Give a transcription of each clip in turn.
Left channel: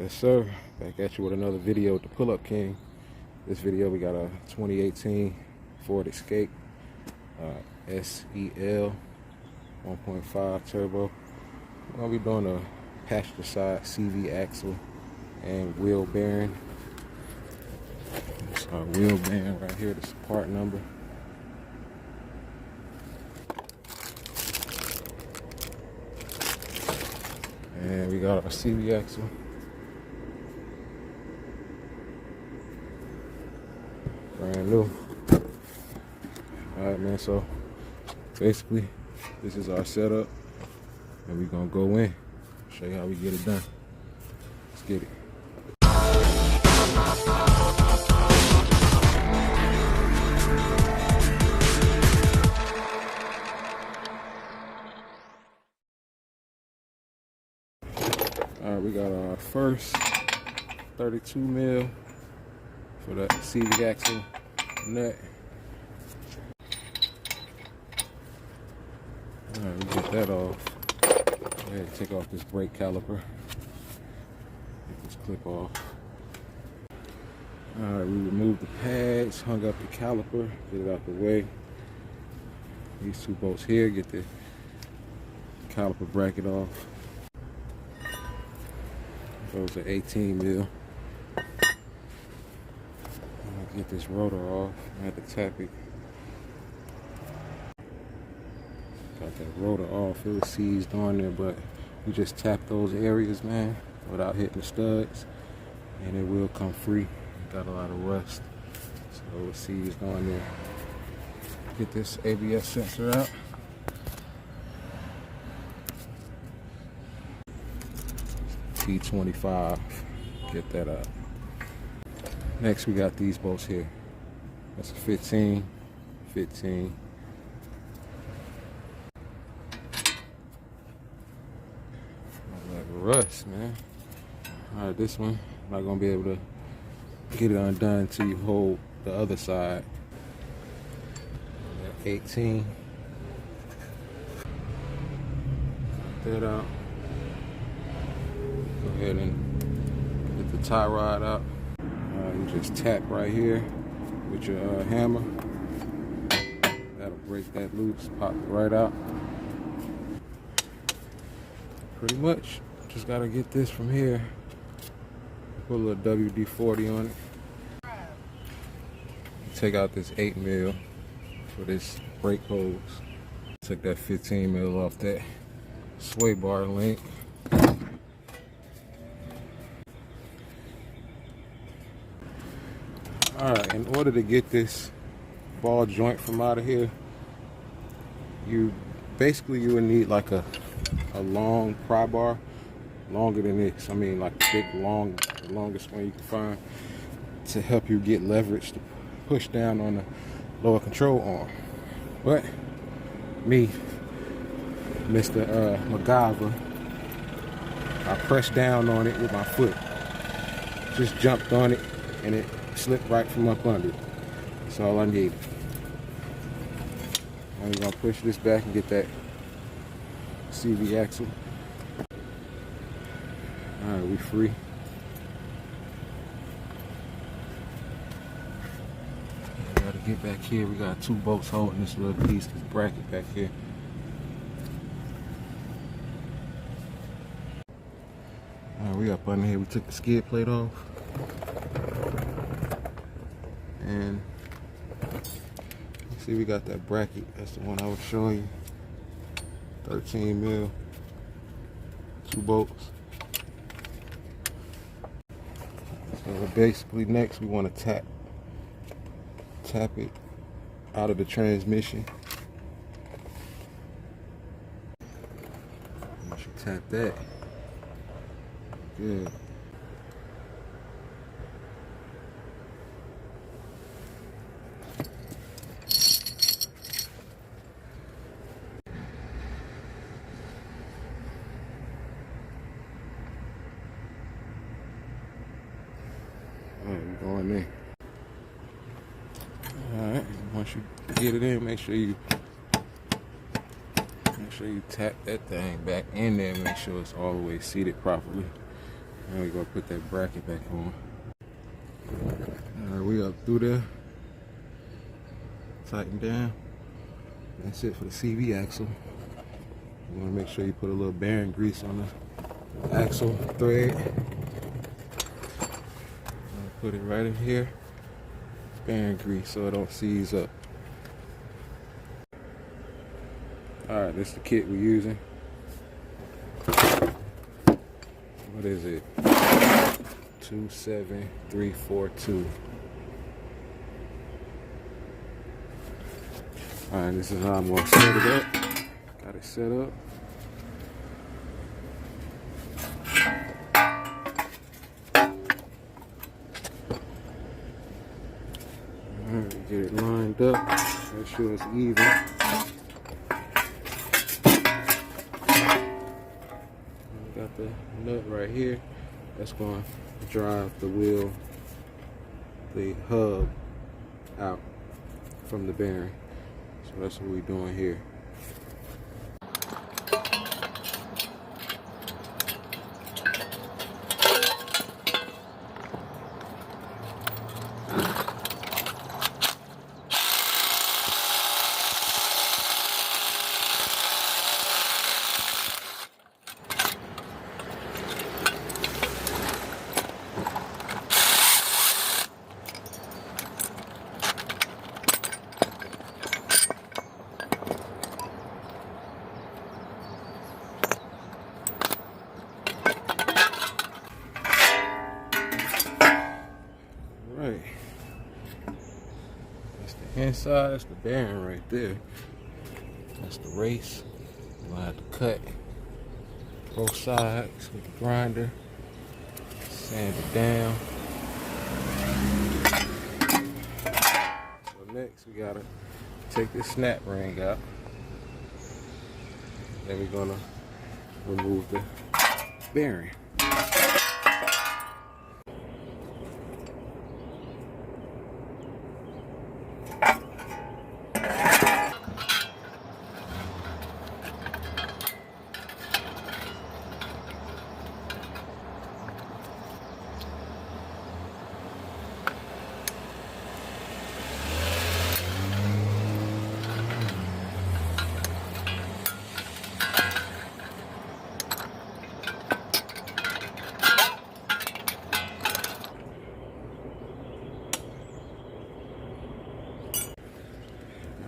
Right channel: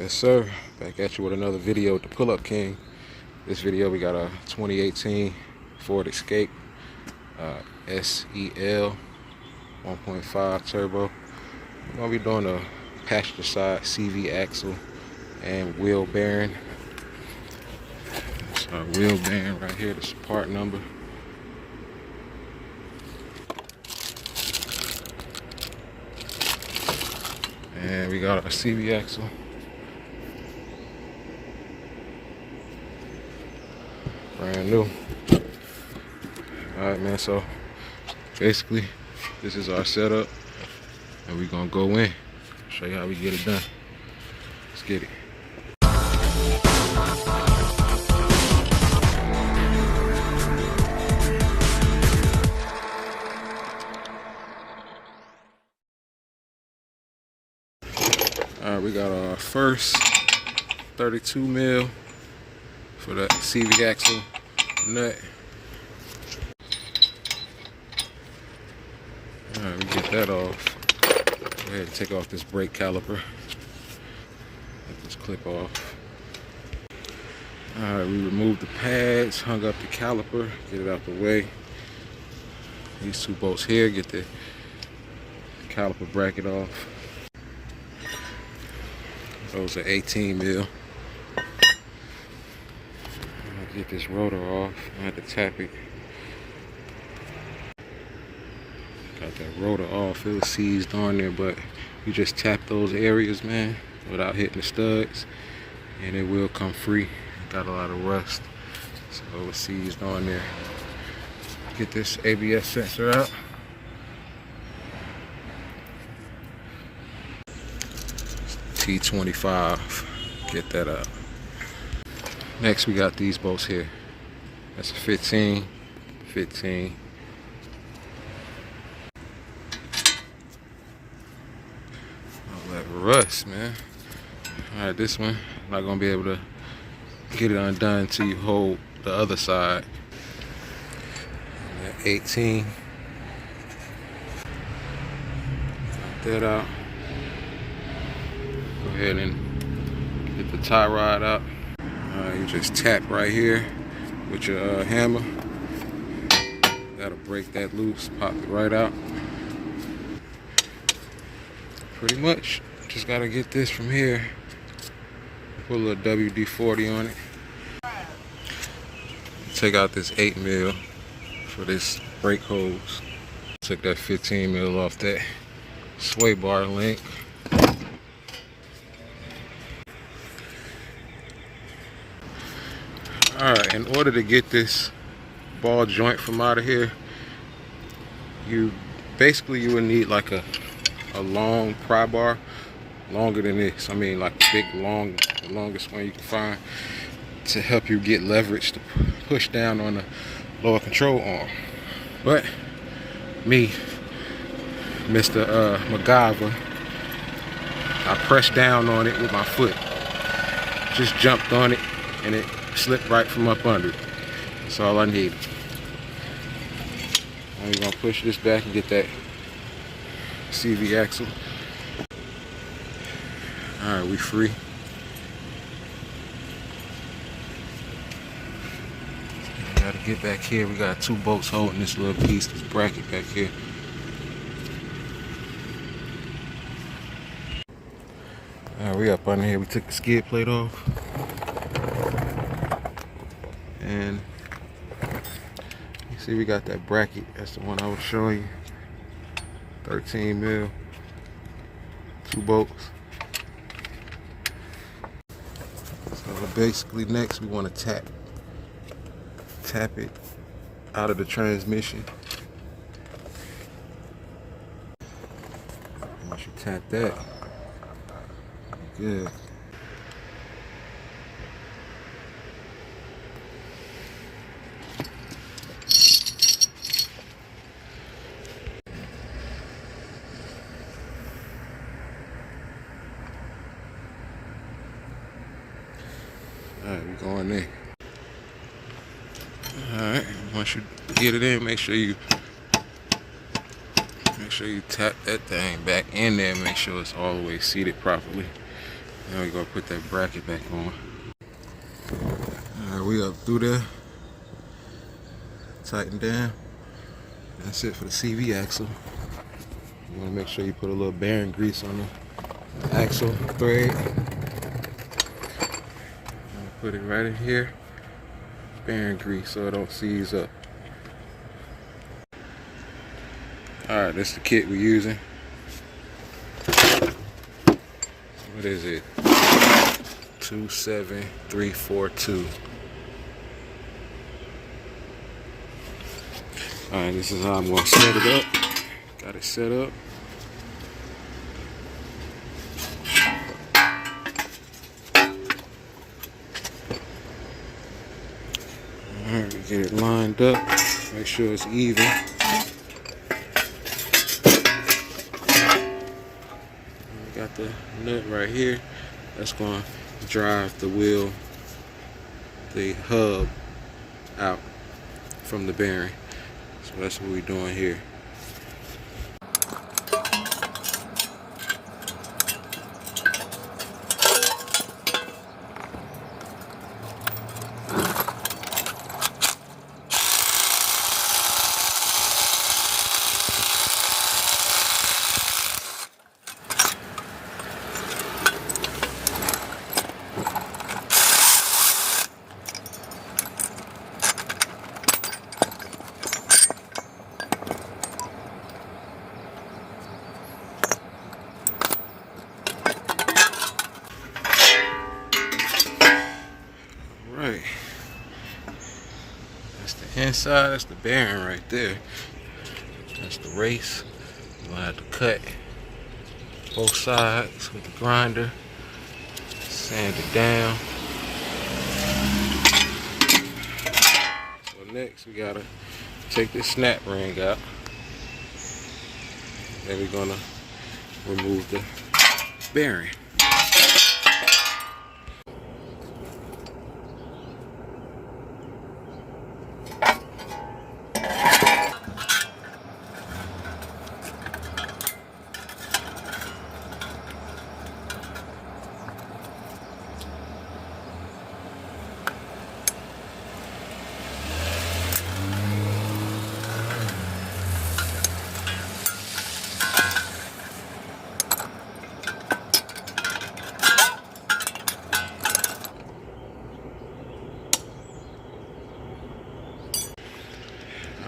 Yes sir, back at you with another video with the Pull-Up King. This video we got a 2018 Ford Escape SEL 1.5 turbo. We're gonna be doing a passenger side CV axle and wheel bearing. That's our wheel bearing right here, this part number. And we got our CV axle. Brand new. Alright man, so basically this is our setup and we're gonna go in, show you how we get it done. Let's get it. Alright, we got our first 32 mil for that CV axle nut. Alright, we get that off. Go ahead and take off this brake caliper. Take this clip off. Alright, we removed the pads, hung up the caliper, get it out the way. These two bolts here, get the caliper bracket off. Those are 18 mil. Get this rotor off. I had to tap it. Got that rotor off. It was seized on there, but you just tap those areas, man, without hitting the studs, and it will come free. Got a lot of rust, so it was seized on there. Get this ABS sensor out. T25. Get that out. Next, we got these bolts here. That's a 15, 15. All that rust, man. All right, this one, not gonna be able to get it undone until you hold the other side. That 18. Get that out. Go ahead and get the tie rod out. You just tap right here with your hammer. That'll break that loose, pop it right out. Pretty much, just gotta get this from here. Put a little WD-40 on it. Take out this 8 mil for this brake hose. Took that 15 mil off that sway bar link. Alright, in order to get this ball joint from out of here, you would need like a long pry bar, longer than this. I mean, like big, long, the longest one you can find, to help you get leverage to push down on the lower control arm. But me, Mr. MacGyver, I pressed down on it with my foot. Just jumped on it and it slipped right from up under it. That's all I need. I'm gonna push this back and get that CV axle. Alright, we free. Gotta get back here. We got two bolts holding this little piece, this bracket back here. Alright, we up under here. We took the skid plate off. And you see we got that bracket. That's the one I was showing you. 13 mil. Two bolts. So basically next we want to tap it out of the transmission. Once you tap that, good. Alright, we're going there. Alright, once you get it in, make sure you tap that thing back in there, make sure it's all the way seated properly. Now we're gonna put that bracket back on. Alright, we up through there. Tighten down. That's it for the CV axle. You wanna make sure you put a little bearing grease on the axle thread. Put it right in here. Bearing grease so it don't seize up. Alright, this is the kit we're using. What is it? 27342. Alright, this is how I'm going to set it up. Got it set up. Alright, get it lined up. Make sure it's even. Got the nut right here. That's going to drive the wheel, the hub out from the bearing. So that's what we're doing here. Right, that's the inside, that's the bearing right there. That's the race. You're gonna have to cut both sides with the grinder, sand it down. So next we gotta take this snap ring out. Then we're gonna remove the bearing.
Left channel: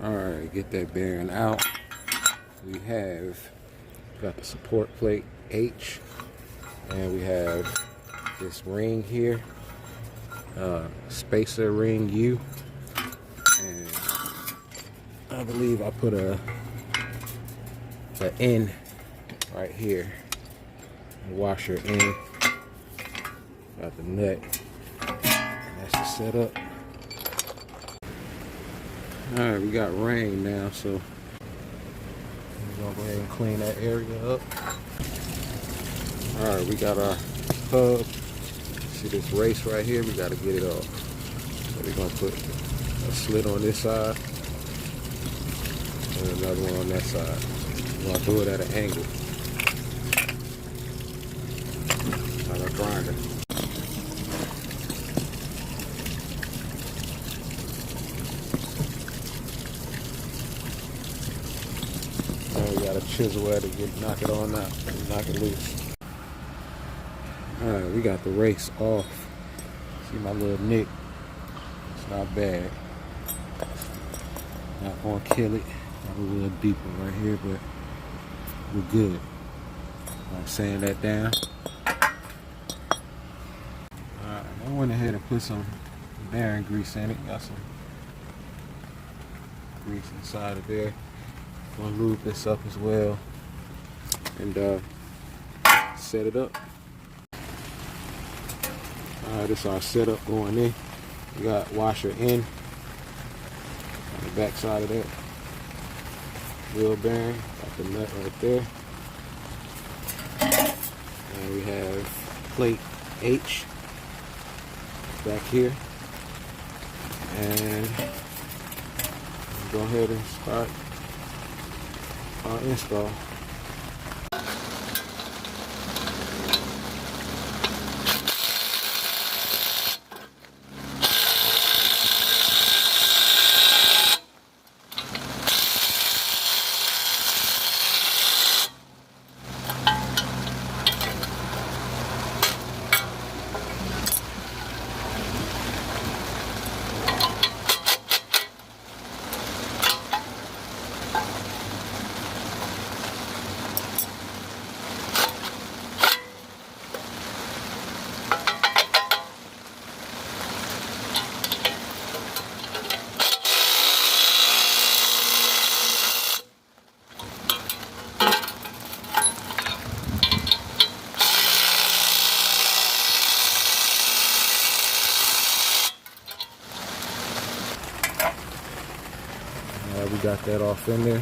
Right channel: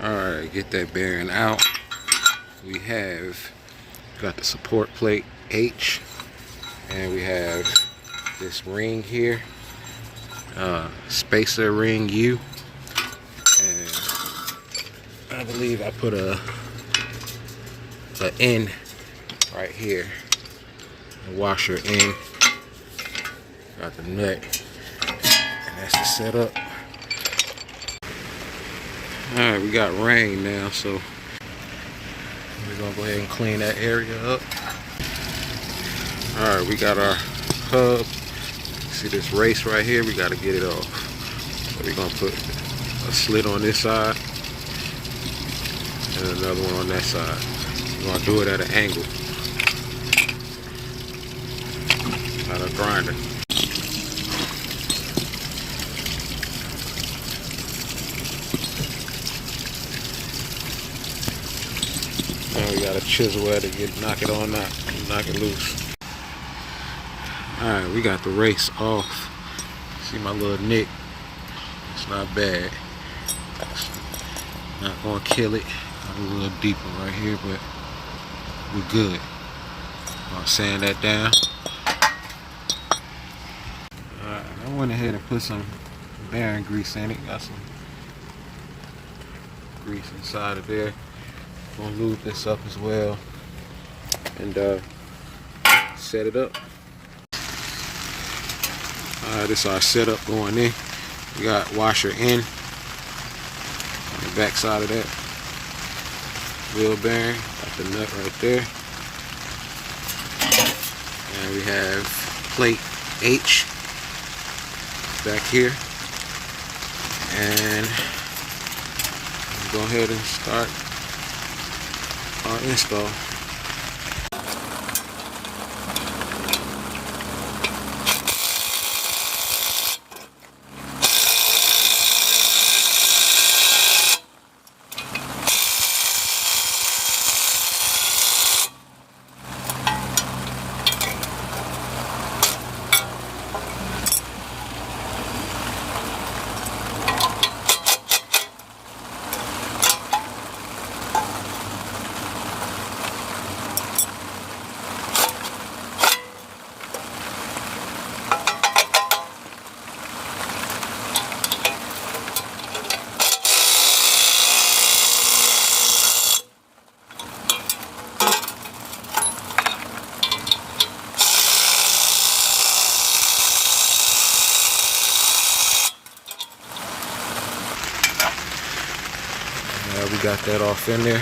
Alright, get that bearing out. We have got the support plate H, and we have this ring here, spacer ring U, and I believe I put a N right here, a washer N. Got the nut, and that's the setup. Alright, we got rain now, so we're gonna go ahead and clean that area up. Alright, we got our hub. See this race right here? We gotta get it off. So we're gonna put a slit on this side and another one on that side. We're gonna do it at an angle. Out of grinder. We got a chisel at it, knock it on out, knock it loose. Alright, we got the race off. See my little nick? It's not bad. It's not gonna kill it. Got a little deeper right here, but we're good. I'll sand that down. Alright, I went ahead and put some bearing grease in it. Got some grease inside of there. Gonna lube this up as well and set it up. Alright, this is our setup going in. We got washer in on the back side of that wheel bearing. Got the nut right there. And we have plate H back here. And we'll go ahead and start our install. got that off in there.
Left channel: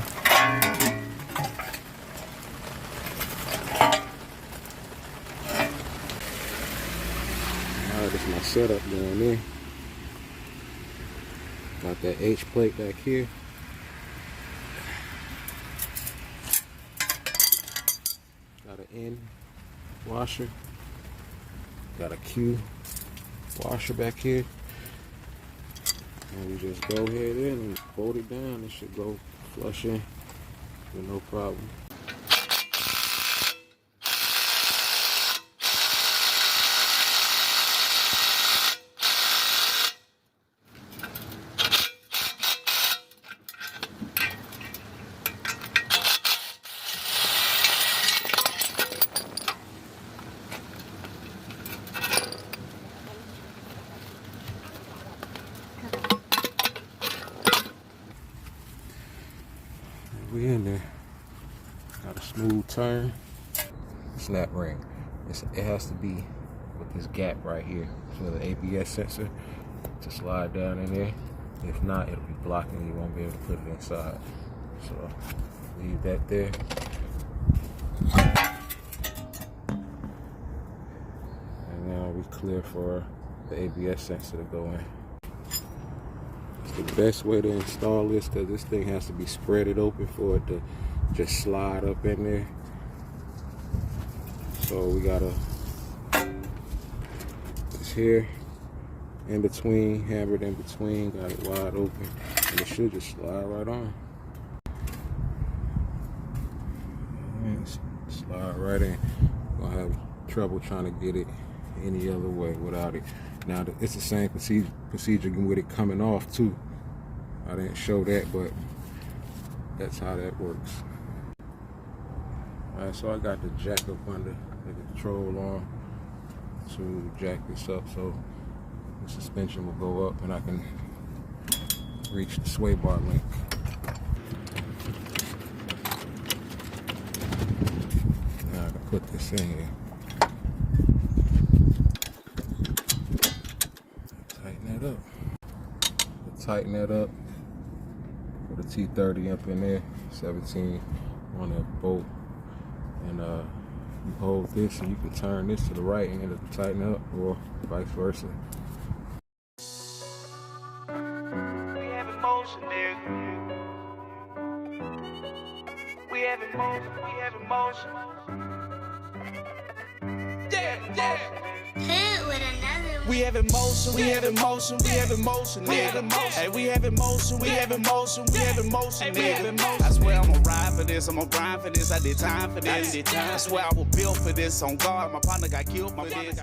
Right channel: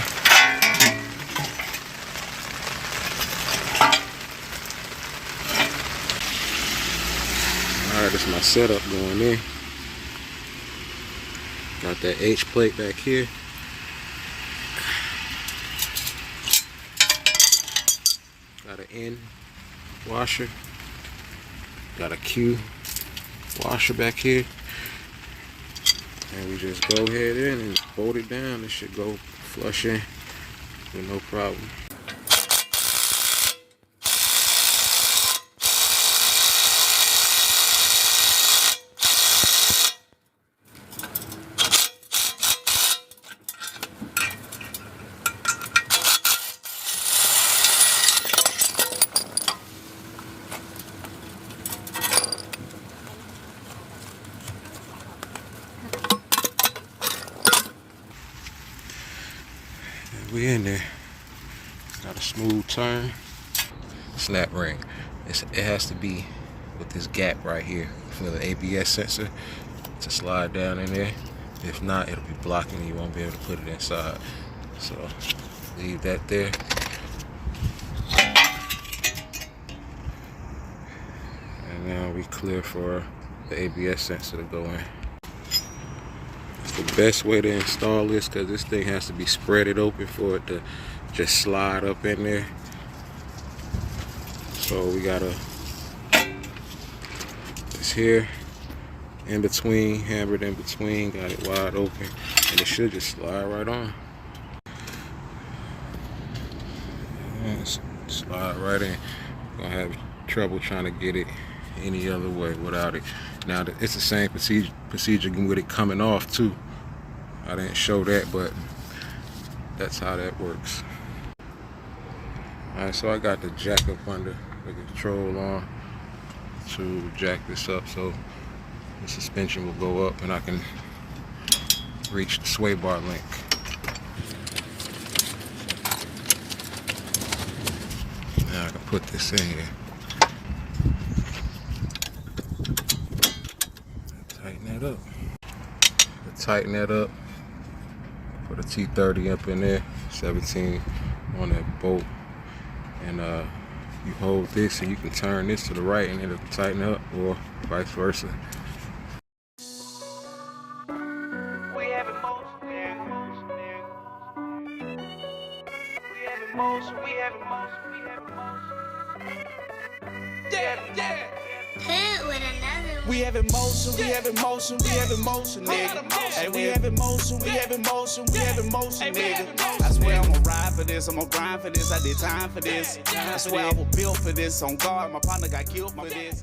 Alright, this is my setup going in. Got that H plate back here. Got an N washer. Got a Q washer back here. And we just go ahead in and fold it down. It should go flush in with no problem. We in there. Got a smooth turn. Snap ring. It has to be with this gap right here for the ABS sensor to slide down in there. If not, it'll be blocking. You won't be able to put it inside. So leave that there. And now we clear for the ABS sensor to go in. The best way to install this, because this thing has to be spreaded open for it to just slide up in there. So we gotta, it's here in between, hammered in between, got it wide open, and it should just slide right on. And slide right in. Gonna have trouble trying to get it any other way without it. Now it's the same procedure with it coming off too. I didn't show that, but that's how that works. Alright, so I got the jack up under with the control on to jack this up so the suspension will go up and I can reach the sway bar link. Now I can put this in here. Tighten that up. Tighten that up. Put a T30 up in there, 17 on that bolt, and you hold this and you can turn this to the right and it'll tighten up, or vice versa. We have emotion, nigga. We have emotion, we have emotion. Yeah. Hit with another one. We have emotion, we have emotion, we have emotion, nigga. Hey, we have emotion, we have emotion, we have emotion, nigga. I swear I'm gonna ride for this, I'm gonna grind for this, I did time for this. I swear I was built for this, on guard, my partner got killed for this.